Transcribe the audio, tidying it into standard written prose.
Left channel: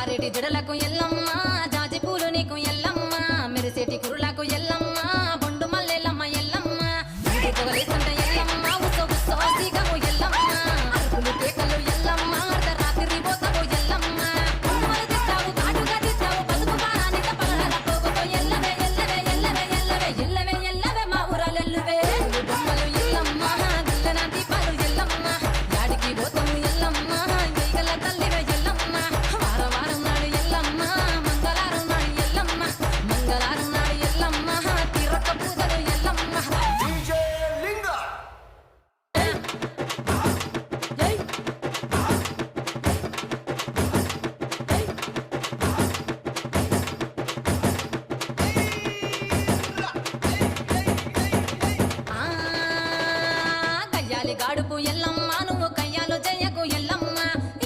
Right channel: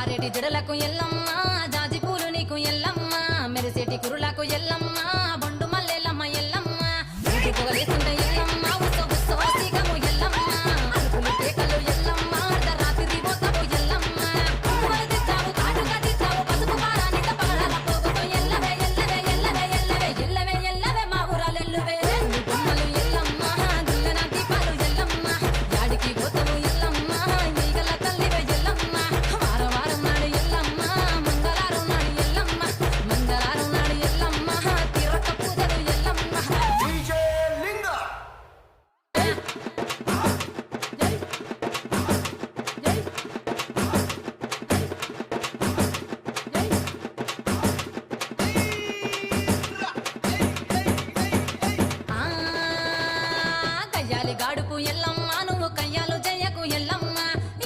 జారేటి జడలకు ఎల్లమ్మ జాజి పూలు నీకు ఎల్లమ్మ మెరిసేటి కురులకు ఎల్లమ్మ బొండు మల్లెలమ్మ ఎల్లమ్మ ఇంటి పొగలేస్తుంటే ఎల్లమ్మ ఉత్సవ ఉత్సవ సీకము ఎల్లమ్మ అరుపులు కేకలు ఎల్లమ్మ అర్ధరాత్రి పోతావు ఎల్లమ్మ పువ్వులు తిత్తావు కాటుగా తిత్తావు పసుపు పారానిత పగడాల పోగుతో ఎల్లవే ఎల్లవే ఎల్లవే ఎల్లవే ఎల్లవే ఎల్లవే మా ఊరాలెల్లువే బొమ్మలు ఎల్లమ్మ గుల్లెన దీపాలు ఎల్లమ్మ యాడికి పోతాము ఎల్లమ్మ ఈగల తల్లివే ఎల్లమ్మ వారం వారం నాడు ఎల్లమ్మ మంగళవారం నాడు ఎల్లమ్మ మంగళవారం నాడు ఎల్లమ్మ తిరక్క పూజలు ఎల్లమ్మ డీజే లింగ కయ్యాలి గాడుపు ఎల్లమ్మ నువ్వు కయ్యాలు జయ్యకు ఎల్లమ్మ